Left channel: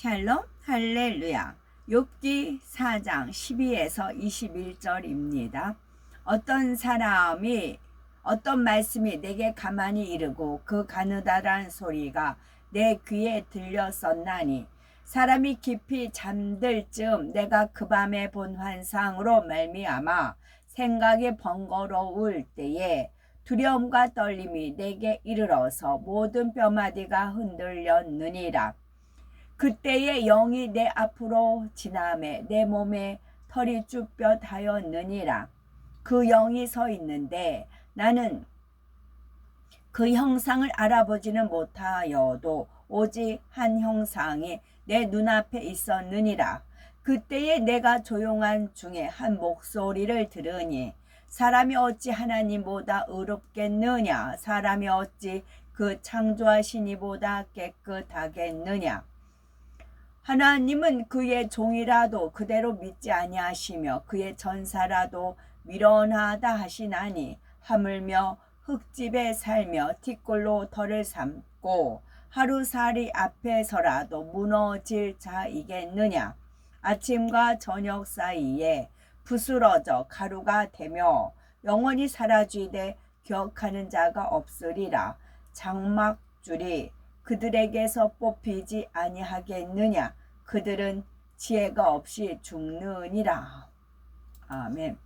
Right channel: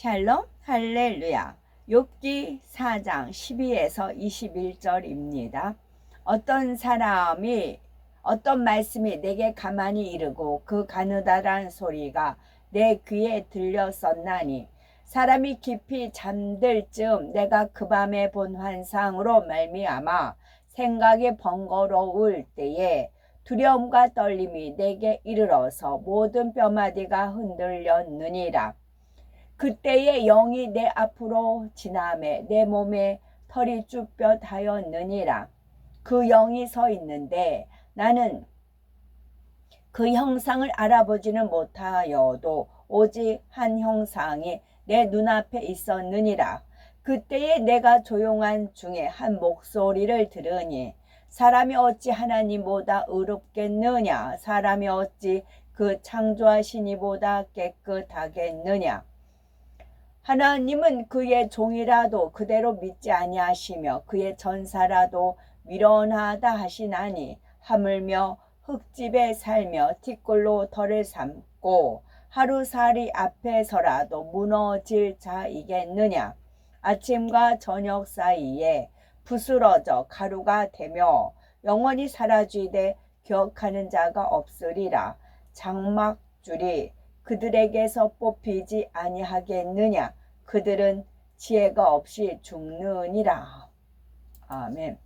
샬롬 할렐루야. 욥기 4장 12에서 21절입니다. 어떤 말씀이 내게 가만히 이르고 그 가느다란 소리가 내 귀에 들렸었나니 사람이 깊이 잠들 즈음 내가 그 밤에 본 환상으로 말미암아 생각이 번거로울 때에 두려움과 떨림이 내게 이르러서 모든 뼈마디가 흔들렸느니라. 그때에 영이 내 앞으로 지나매 내 몸에 털이 쭈뼛하였느니라. 그 영이 서 있는데 나는 그 형상을 알아보지는 못하여도 오직 한 형상이 내 눈앞에 있었느니라. 그때에 내가 조용한 중에 한 목소리를 들으니 사람이 어찌 하나님보다 의롭겠느냐, 사람이 어찌 그 창조하신 이보다 깨끗하겠느냐. 하나님은 그의 종이라도 그대로 믿지 아니하시며 그의 전사라도 미련하다 하시나니 하물며 흙집에 살며 티끌로 털을 삶고 하루살이 앞에서라도 무너질 자이겠느냐. 아침과 저녁 사이에 부스러져 가루가 되며 영원히 사라지되 기억하는 자가 없으리라. 장막줄이 그들에게서 뽑히지 아니하겠느냐. 그들은 지혜가 없이 죽느니라. 아멘.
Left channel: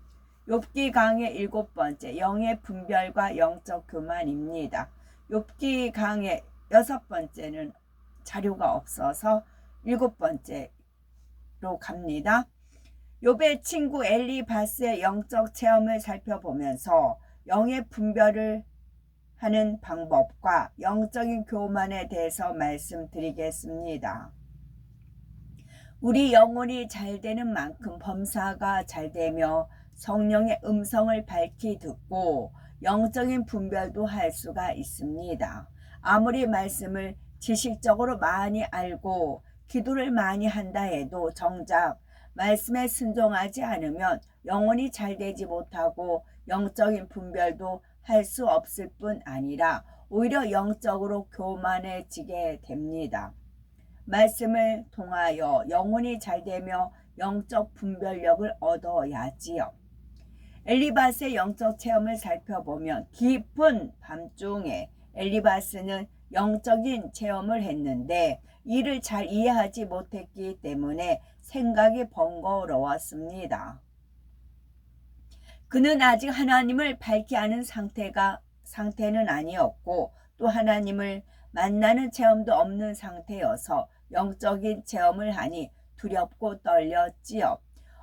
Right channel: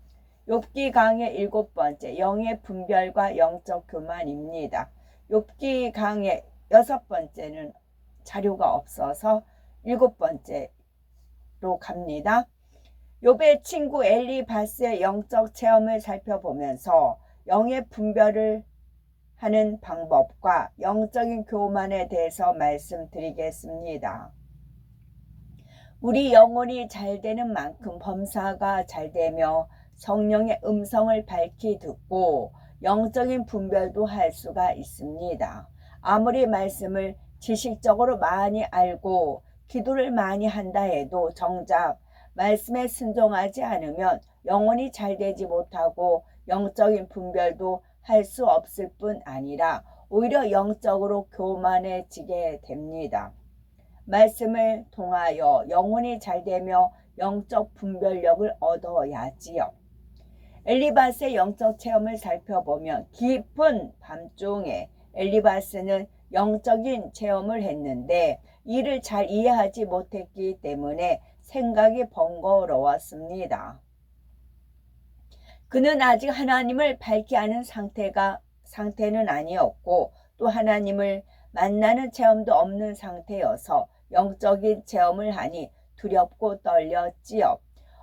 욥기 강의 7번째, 영의 분별과 영적 교만입니다. 욥기 강의 6번째는 자료가 없어서 7번째로 갑니다. 욥의 친구 엘리바스의 영적 체험을 살펴보면서 영의 분별을 하는 방법과 영적인 교만에 대해서 말씀드리겠습니다. 우리 영혼이 잘 되는 만큼 범사가 잘 되며 성령의 음성을 밝히 듣고 영적인 분별도 할 수가 있습니다. 아무리 말씀을 지식적으로 많이 알고 기도를 많이 한다 해도 정작 말씀에 순종하지 않으면 영혼이 잘 되지 못하고 영적인 분별도 할 수 없을 뿐 아니라 오히려 영적으로 교만해지게 됩니다. 말씀을 통하여 영혼이 잘 되며 영적 분별력을 얻어야지요. 엘리바스의 영적 체험을 살펴보면 깊은 밤중에 엘리바스는 영적인 체험을 했는데 이를 잘 이해하지 못했기 때문에 생각이 번거로웠습니다. 그는 아직 하나님을 밝히 아는 상태는 아니었고 또 하나님을 만나는 체험도 없는 상태여서 영적인 체험을 하니 두렵고 떨렸지요.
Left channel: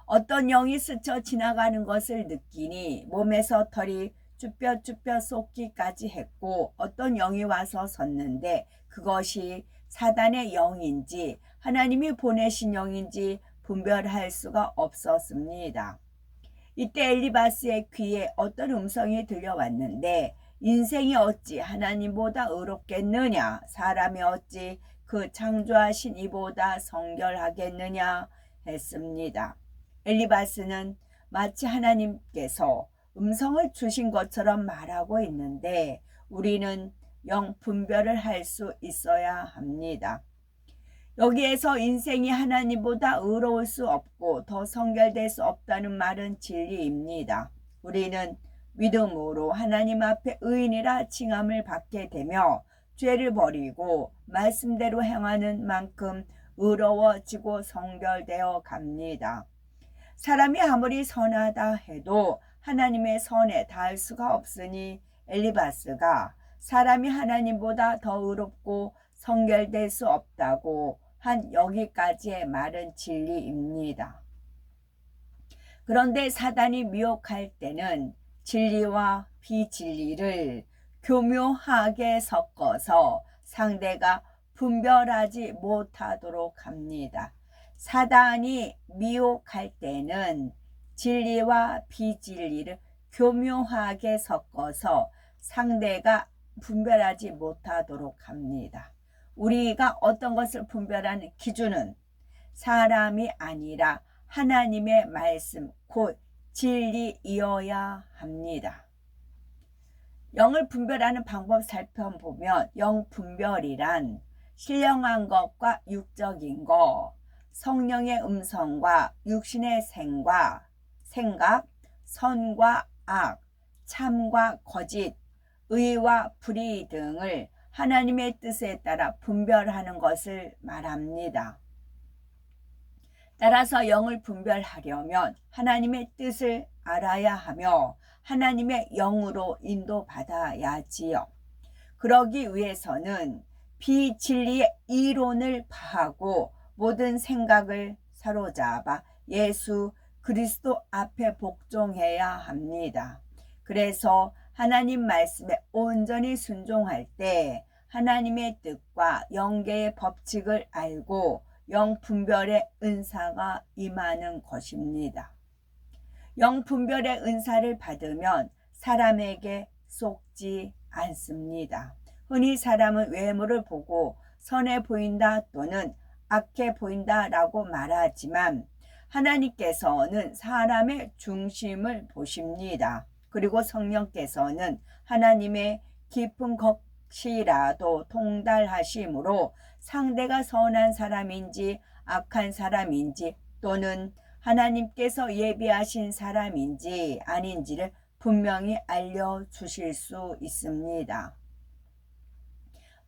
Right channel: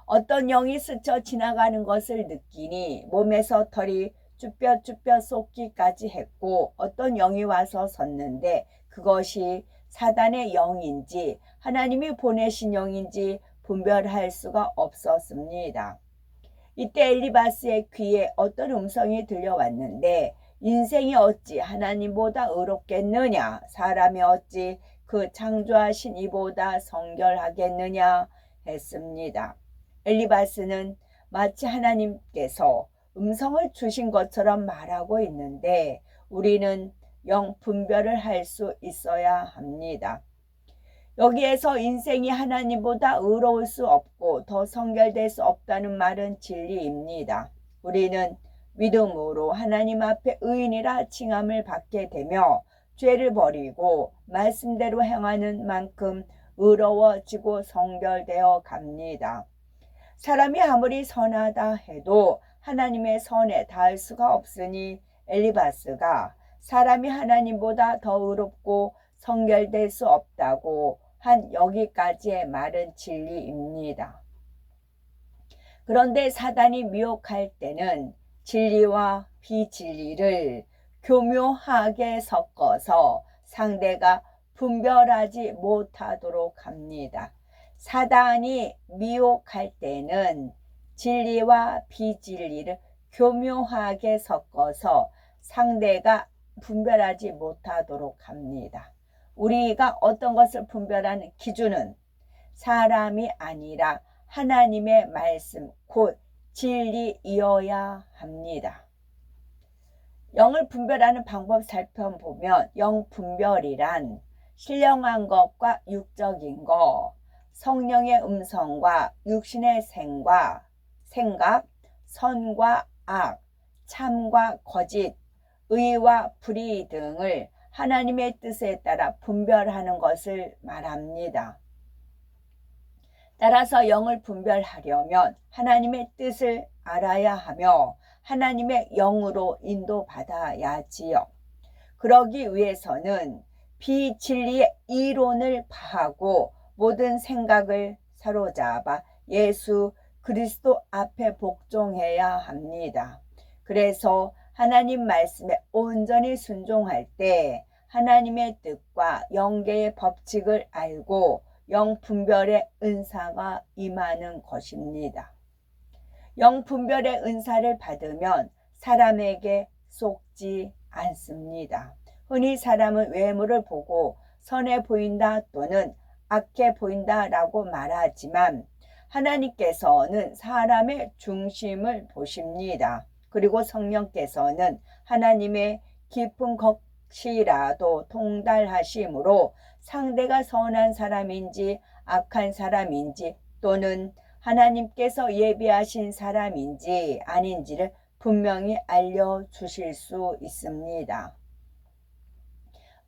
어떤 영이 스쳐 지나가는 것을 느끼니 몸에서 털이 쭈뼛쭈뼛 솟기까지 했고 어떤 영이 와서 섰는데 그것이 사단의 영인지 하나님이 보내신 영인지 분별할 수가 없었습니다. 이때 엘리바스의 귀에 어떤 음성이 들려왔는데 인생이 어찌 하나님보다 의롭겠느냐, 사람이 어찌 그 창조하신 이보다 성결하겠느냐 했습니다. 엘리바스는 마치 하나님께서 음성을 주신 것처럼 말하고 있는데 우리는 영 분별을 할 수 있어야 합니다. 여기에서 인생이 하나님보다 의로울 수 없고 더 성결될 수 없다는 말은 진리입니다. 우리는 믿음으로 하나님 앞에 의인이라 칭함을 받게 되며 죄를 버리고 말씀대로 행하는 만큼 의로워지고 성결되어 갑니다. 사람이 아무리 선하다 해도 하나님의 선에 닿을 수가 없으니 엘리바스가 사람이 하나님보다 더 의롭고 성결될 수 없다고 한 여기까지의 말은 진리입니다. 그런데 사단이 미혹할 때는 진리와 비진리를 교묘하게 섞어서 상대가 분별하지 못하도록 합니다. 사단이 미혹할 때는 진리와 비진리를 교묘하게 섞어서 상대가 분별하지 못하도록 합니다. 우리가 어떤 것을 분별하는 기준은 사람이 아니라 하나님의 말씀 곧 진리이어야 합니다. 영을 분별하는 방법 살펴보면 영 분별이란 신령한 것과 육적인 것, 성령의 음성과 육신의 생각, 선과 악, 참과 거짓, 의와 불의 등을 하나님의 뜻에 따라 분별하는 것을 말합니다. 따라서 영을 분별하려면 하나님의 뜻을 알아야 하며 하나님의 영으로 인도받아야지요. 그러기 위해서는 비진리의 이론을 파하고 모든 생각을 사로잡아 예수 그리스도 앞에 복종해야 합니다. 그래서 하나님 말씀에 온전히 순종할 때 하나님의 뜻과 영계의 법칙을 알고 영분별의 은사가 임하는 것입니다. 영분별의 은사를 받으면 사람에게 속지 않습니다. 흔히 사람은 외모를 보고 선해 보인다 또는 악해 보인다라고 말하지만 하나님께서는 사람의 중심을 보십니다. 그리고 성령께서는 하나님의 깊은 것이라도 통달하심으로 상대가 선한 사람인지 악한 사람인지 또는 하나님께서 예비하신 사람인지 아닌지를 분명히 알려주실 수 있습니다.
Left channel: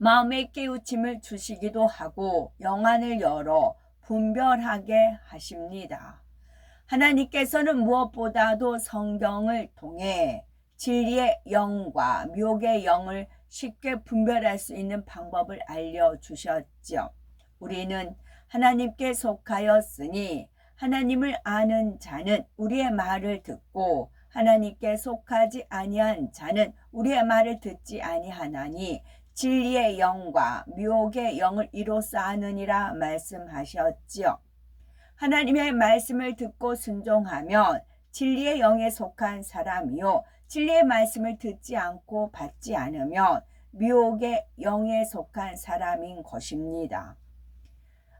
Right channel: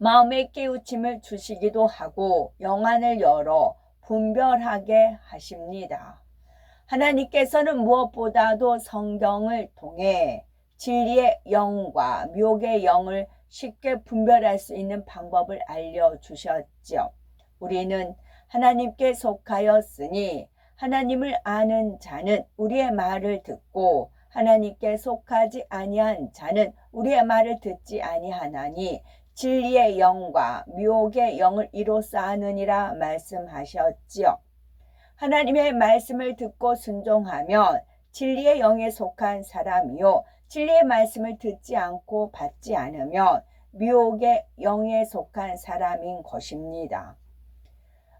마음의 깨우침을 주시기도 하고 영안을 열어 분별하게 하십니다. 하나님께서는 무엇보다도 성경을 통해 진리의 영과 묘의 영을 쉽게 분별할 수 있는 방법을 알려주셨죠. 우리는 하나님께 속하였으니 하나님을 아는 자는 우리의 말을 듣고 하나님께 속하지 아니한 자는 우리의 말을 듣지 아니하나니 진리의 영과 묘의 영을 이로써 아느니라 말씀하셨지요. 하나님의 말씀을 듣고 순종하면 진리의 영에 속한 사람이요 진리의 말씀을 듣지 않고 받지 않으면 묘의 영에 속한 사람인 것입니다.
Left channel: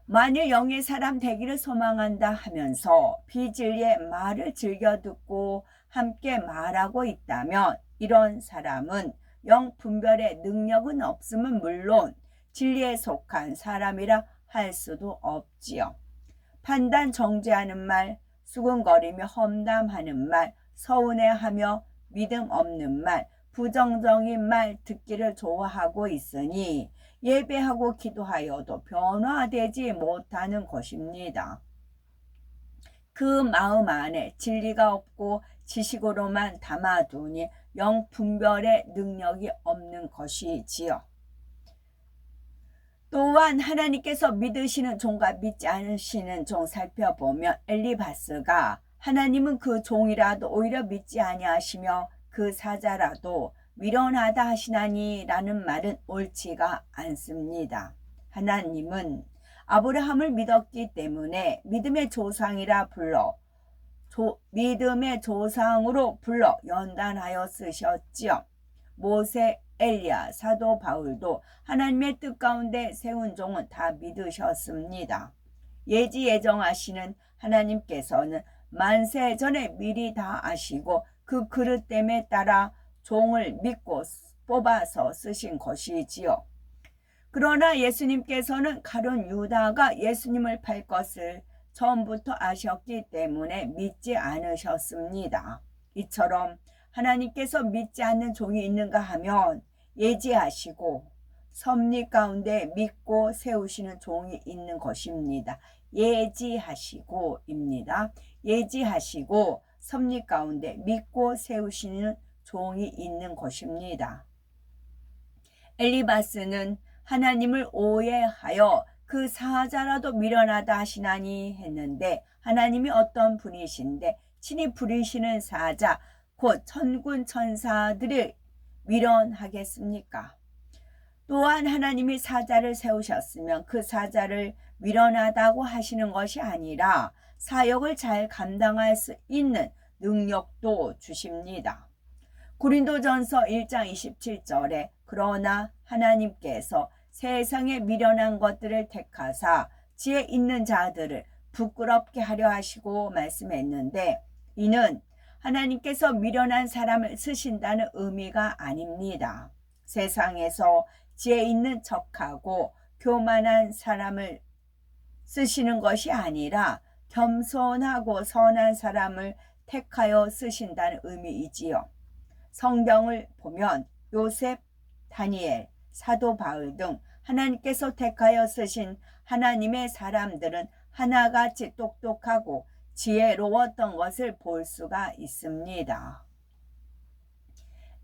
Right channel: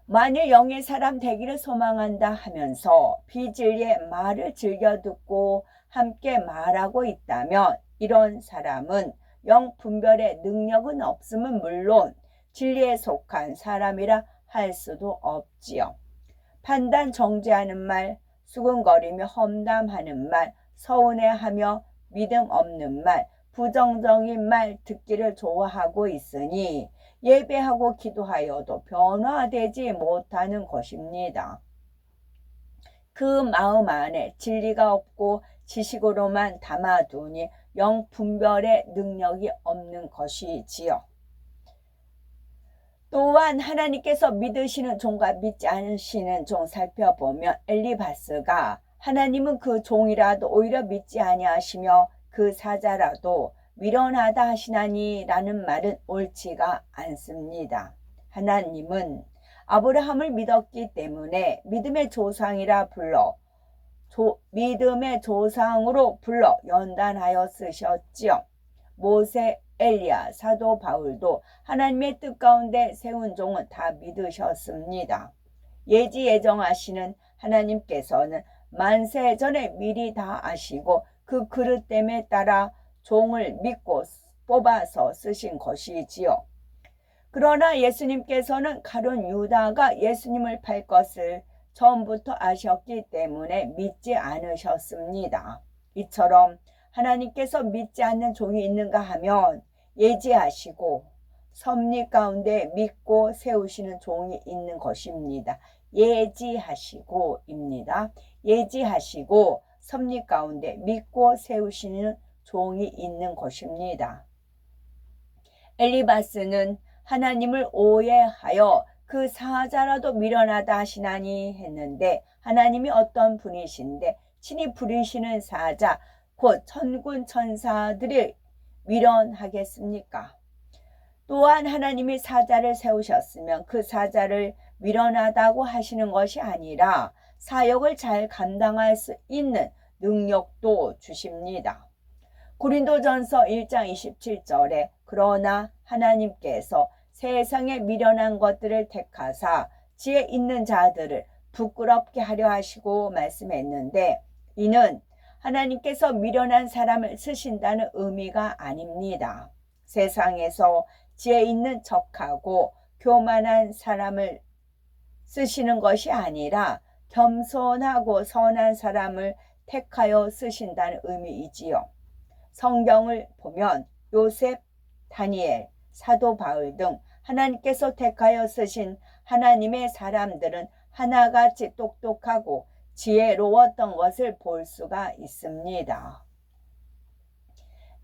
만일 영의 사람 되기를 소망한다 하면서 비진리의 말을 즐겨 듣고 함께 말하고 있다면 이런 사람은 영 분별의 능력은 없음은 물론 진리에 속한 사람이라 할 수도 없지요. 판단 정죄하는 말, 수근거리며 험담하는 말, 서운해하며 믿음 없는 말, 부정적인 말 듣기를 좋아하고 있으니 예배하고 기도하여도 변화되지 못하는 것입니다. 그 마음 안에 진리가 없고 지식으로만 담아두니 영 분별의 능력이 없는 것이지요. 또한 하나님께서 믿으시는 종과 믿지 않으시는 종 살펴보면 엘리바스가 하나님은 그 종이라도 오히려 믿지 아니하시며 그 사자라도 미련하다 하시나니 라는 말은 옳지가 않습니다. 하나님은 아브라함을 믿었기 때문에 믿음의 조상이라 불러 믿음의 조상으로 불러 연단하여 쓰셨지요. 모세, 엘리야, 사도 바울도 하나님의 뜻 가운데 세운 종은 다 믿으셨습니다. 예지 예정하시는 하나님께서는 만세 전에 미리 다 아시고 그 그릇됨에 따라 종을 믿고 뽑아서 쓰신 것이지요. 그러나 예수님께서는 가룟 유다가 예수님을 팔 것을 처음부터 아셨기 때문에 믿지 않으셨습니다. 이처럼 하나님께서 믿지 않는 종이 있는가 하면 예지하시고 섭리 가운데 믿고 세우시는 종이 있는 것입니다. 예지하시고입니다. 예지하시고 섭리 가운데 믿고 세우시는 종이 있는 것입니다. 엘리바스는 하나님을 오해하여 그 사자라도 미련하다 하시나니 했는데 하나님이 어떤 분이신데 친히 부리시는 사자 곧 천군 천사들이 미련하겠습니까? 또한 하나님이 사자를 세우셨으면 그 사자를 미련하다고 하시는 것이 아니라 사역을 잘 감당할 수 있는 능력도 주십니다. 고린도전서 1장 27절에 그러나 하나님께서 세상에 미련한 것들을 택하사 지혜 있는 자들을 부끄럽게 하려 하시고 말씀했는데 이는 하나님께서 미련한 사람을 쓰신다는 의미가 아닙니다. 세상에서 지혜 있는 척하고 교만한 사람을 쓰시는 것이 아니라 겸손하고 선한 사람을 택하여 쓰신다는 의미이지요. 성경을 보면 요셉, 다니엘, 사도 바울 등 하나님께서 택하여 쓰신 하나님의 사람들은 하나같이 똑똑하고 지혜로웠던 것을 볼 수가 있습니다.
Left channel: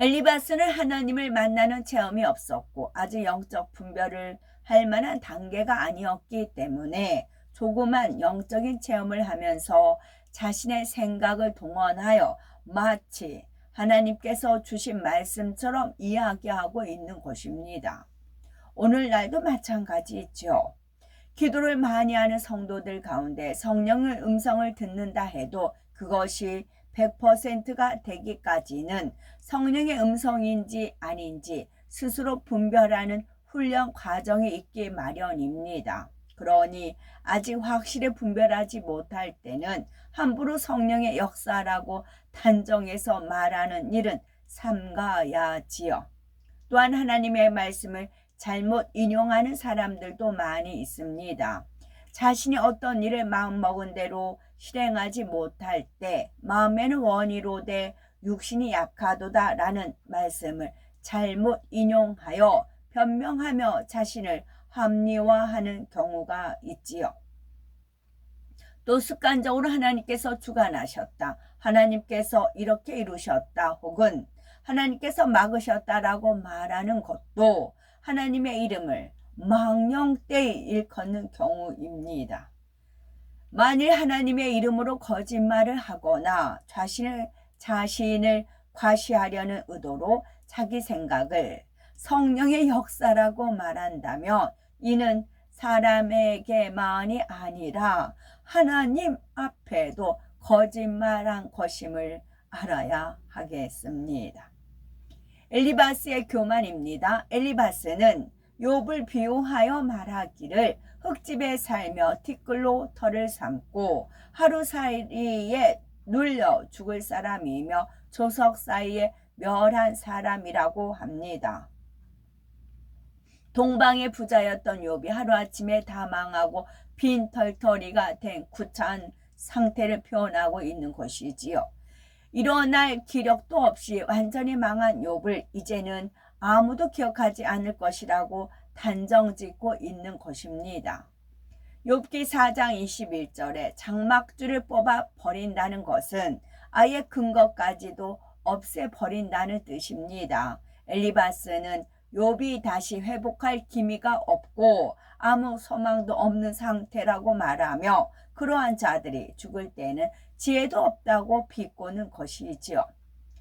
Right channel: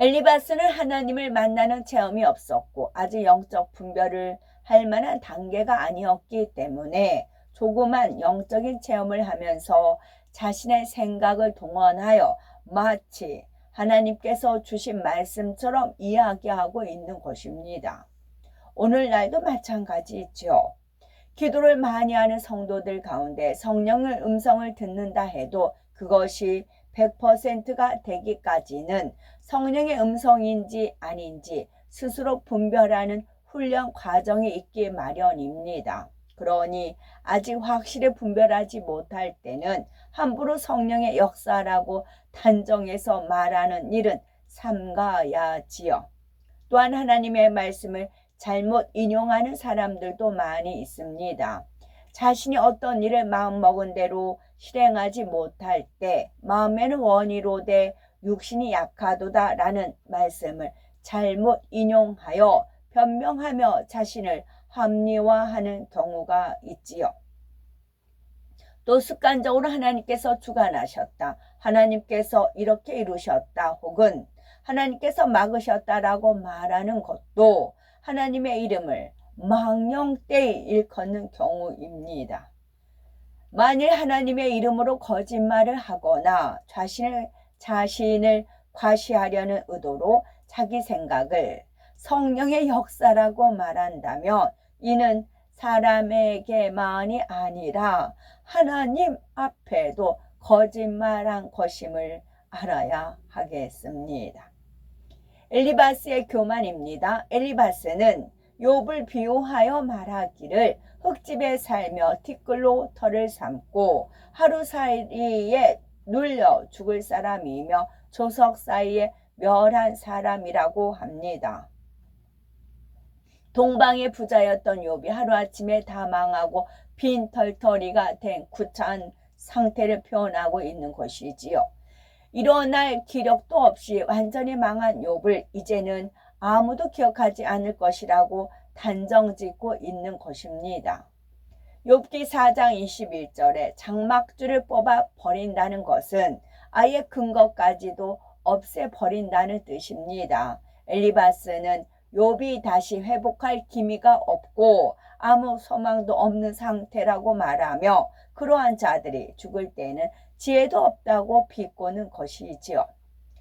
엘리바스는 하나님을 만나는 체험이 없었고 아주 영적 분별을 할 만한 단계가 아니었기 때문에 조그만 영적인 체험을 하면서 자신의 생각을 동원하여 마치 하나님께서 주신 말씀처럼 이야기하고 있는 것입니다. 오늘날도 마찬가지죠. 기도를 많이 하는 성도들 가운데 성령의 음성을 듣는다 해도 그것이 100%가 되기까지는 성령의 음성인지 아닌지 스스로 분별하는 훈련 과정이 있기 마련입니다. 그러니 아직 확실히 분별하지 못할 때는 함부로 성령의 역사라고 단정해서 말하는 일은 삼가야지요. 또한 하나님의 말씀을 잘못 인용하는 사람들도 많이 있습니다. 자신이 어떤 일을 마음먹은 대로 실행하지 못할 때 마음에는 원이로되 육신이 약하도다 라는 말씀을 잘못 인용하여 변명하며 자신을 합리화하는 경우가 있지요. 또 습관적으로 하나님께서 주관하셨다, 하나님께서 이렇게 이루셨다, 혹은 하나님께서 막으셨다라고 말하는 것도 하나님의 이름을 망령되이 일컫는 경우입니다. 만일 하나님의 이름으로 거짓말을 하거나 자신을 과시하려는 의도로 자기 생각을 성령의 역사라고 말한다면 이는 사람에게만이 아니라 하나님 앞에도 거짓말한 것임을 알아야 하겠습니다. 엘리바스의 교만입니다. 엘리바스는 욥을 비유하여 말하기를 흙집에 살며 티끌로 털을 삼고 하루살이에 눌려 죽을 사람이며 조석 사이에 멸한 사람이라고 합니다. 동방의 부자였던 욥이 하루아침에 다 망하고 빈털터리가 된 구차한 상태를 표현하고 있는 것이지요. 일어날 기력도 없이 완전히 망한 욥을 이제는 아무도 기억하지 않을 것이라고 단정짓고 있는 것입니다. 욥기 4장 21절에 장막줄을 뽑아 버린다는 것은 아예 근거까지도 없애버린다는 뜻입니다. 엘리바스는 욥이 다시 회복할 기미가 없고 아무 소망도 없는 상태라고 말하며 그러한 자들이 죽을 때는 지혜도 없다고 비꼬는 것이지요.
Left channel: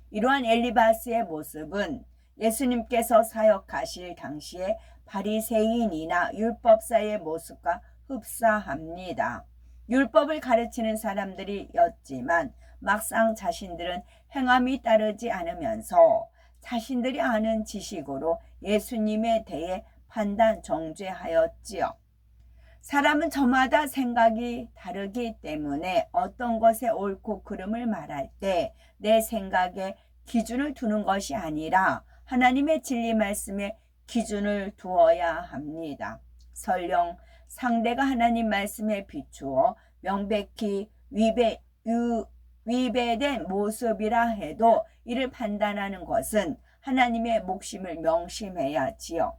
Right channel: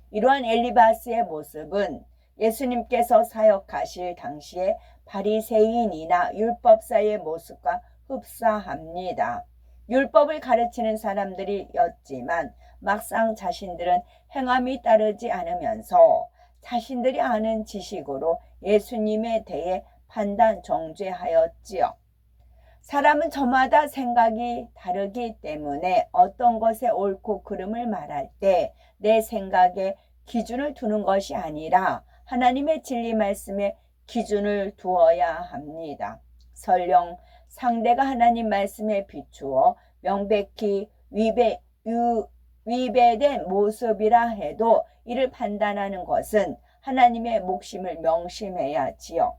이러한 엘리바스의 모습은 예수님께서 사역하실 당시에 바리새인이나 율법사의 모습과 흡사합니다. 율법을 가르치는 사람들이었지만 막상 자신들은 행함이 따르지 않으면서 자신들이 아는 지식으로 예수님에 대해 판단 정죄하였지요. 사람은 저마다 생각이 다르기 때문에 어떤 것에 옳고 그름을 말할 때 내 생각에 기준을 두는 것이 아니라 하나님의 진리 말씀에 기준을 두어야 합니다. 설령 상대가 하나님 말씀에 비추어 명백히 위배된 모습이라 해도 이를 판단하는 것은 하나님의 목심을 명심해야지요.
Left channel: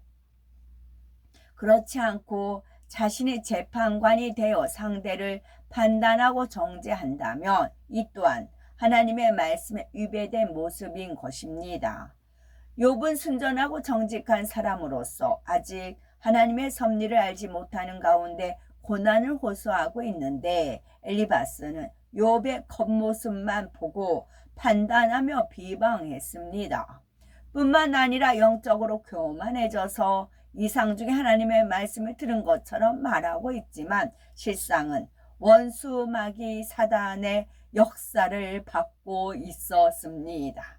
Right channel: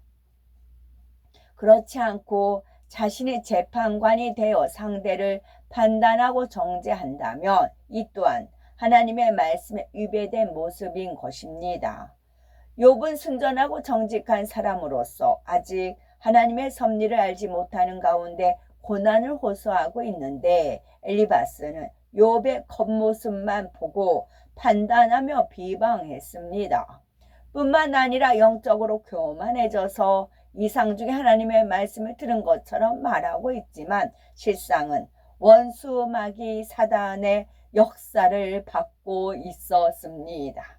그렇지 않고 자신의 재판관이 되어 상대를 판단하고 정죄한다면 이 또한 하나님의 말씀에 위배된 모습인 것입니다. 욥은 순전하고 정직한 사람으로서 아직 하나님의 섭리를 알지 못하는 가운데 고난을 호소하고 있는데 엘리바스는 욥의 겉모습만 보고 판단하며 비방했습니다. 뿐만 아니라 영적으로 교만해져서 이상 중에 하나님의 말씀을 들은 것처럼 말하고 있지만 실상은 원수 마귀 사단의 역사를 받고 있었습니다.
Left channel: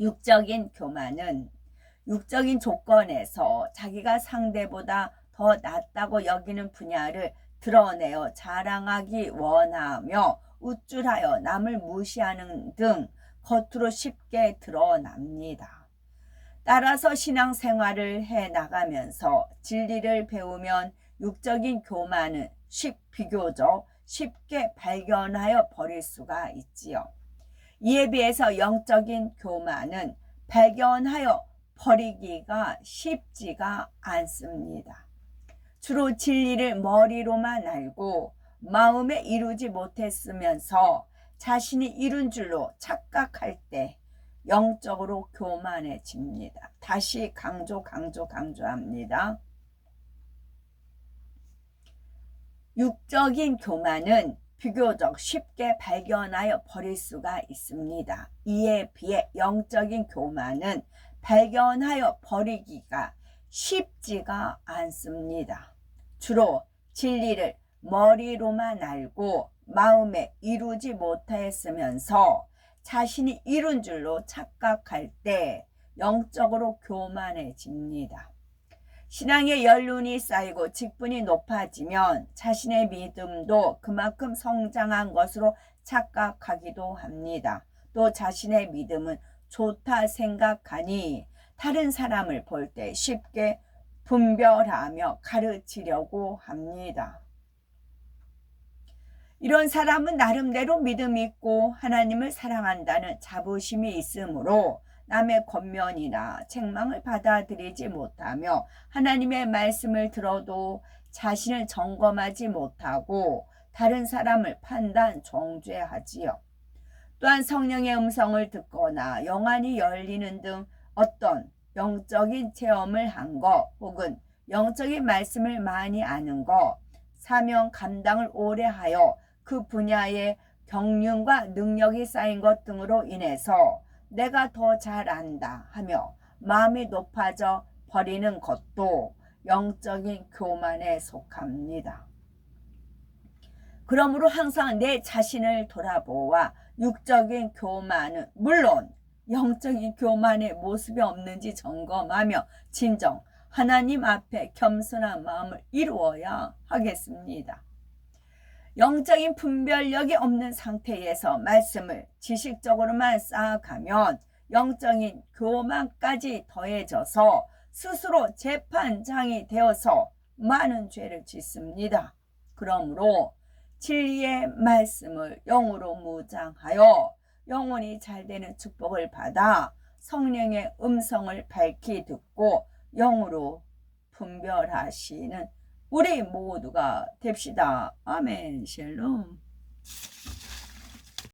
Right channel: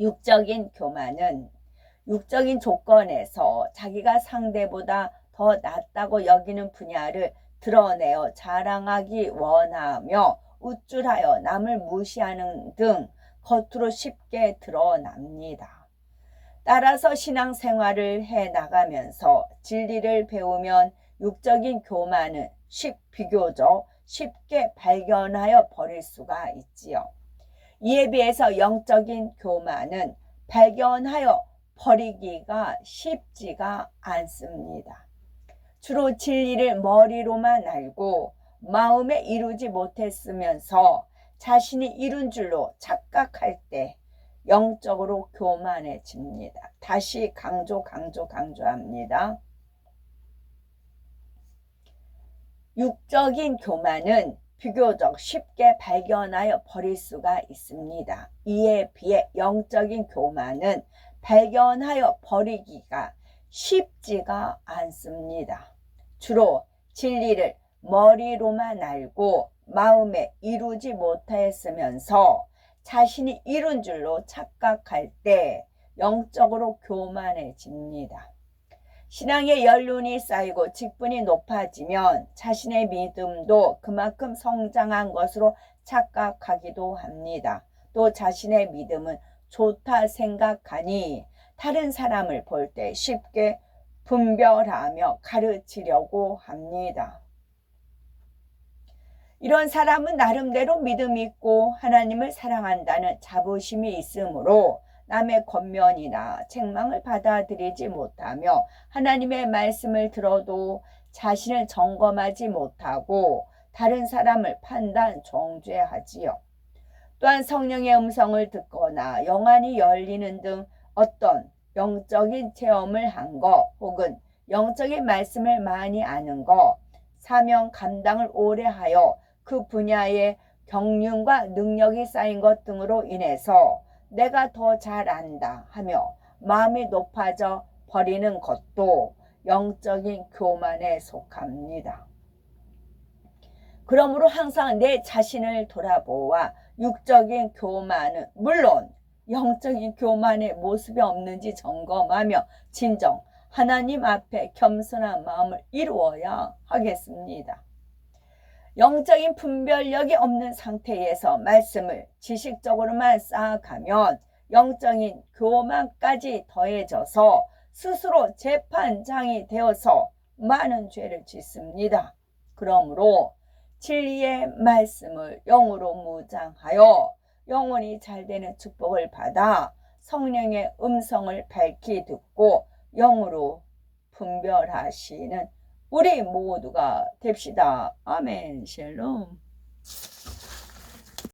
육적인 교만은 육적인 조건에서 자기가 상대보다 더 낫다고 여기는 분야를 드러내어 자랑하기 원하며 우쭐하여 남을 무시하는 등 겉으로 쉽게 드러납니다. 따라서 신앙생활을 해 나가면서 진리를 배우면 육적인 교만은 비교적 쉽게 발견하여 버릴 수가 있지요. 이에 비해서 영적인 교만은 발견하여 버리기가 쉽지가 않습니다. 주로 진리를 머리로만 알고 마음에 이루지 못했으면서 자신이 이룬 줄로 착각할 때 영적으로 교만해집니다. 다시 강조합니다. 육적인 교만은 비교적 쉽게 발견하여 버릴 수가 있습니다. 이에 비해 영적인 교만은 발견하여 버리기가 쉽지가 않습니다. 주로 진리를 머리로만 알고 마음에 이루지 못하였으면서 자신이 이룬 줄로 착각할 때 영적으로 교만해집니다. 신앙의 연륜이 쌓이고 직분이 높아지면 자신의 믿음도 그만큼 성장한 것으로 착각하기도 합니다. 또 자신의 믿음은 좋다 생각하니 다른 사람을 볼 때 쉽게 분별하며 가르치려고 합니다. 이런 사람은 나름대로 믿음이 있고 하나님을 사랑한다는 자부심이 있으므로 남의 권면이나 책망을 받아들이지 못하며 하나님의 말씀을 들어도 자신을 점검하지 못하고 다른 사람을 판단 정죄하지요. 또한 성령의 음성을 듣거나 영안이 열리는 등 어떤 영적인 체험을 한 것 혹은 영적인 말씀을 많이 아는 것, 사명 감당을 오래 하여 그 분야의 경륜과 능력이 쌓인 것 등으로 인해서 내가 더 잘 안다 하며 마음이 높아져 버리는 것도 영적인 교만에 속합니다. 그러므로 항상 내 자신을 돌아보아 육적인 교만은 물론 영적인 교만의 모습이 없는지 점검하며 진정 하나님 앞에 겸손한 마음을 이루어야 하겠습니다. 영적인 분별력이 없는 상태에서 말씀을 지식적으로만 쌓아가면 영적인 교만까지 더해져서 스스로 재판장이 되어서 많은 죄를 짓습니다. 그러므로 진리의 말씀을 영으로 무장하여 영혼이 잘되는 축복을 받아 성령의 음성을 밝히 듣고 영으로 분별하시는 우리 모두가 됩시다. 아멘. 샬롬.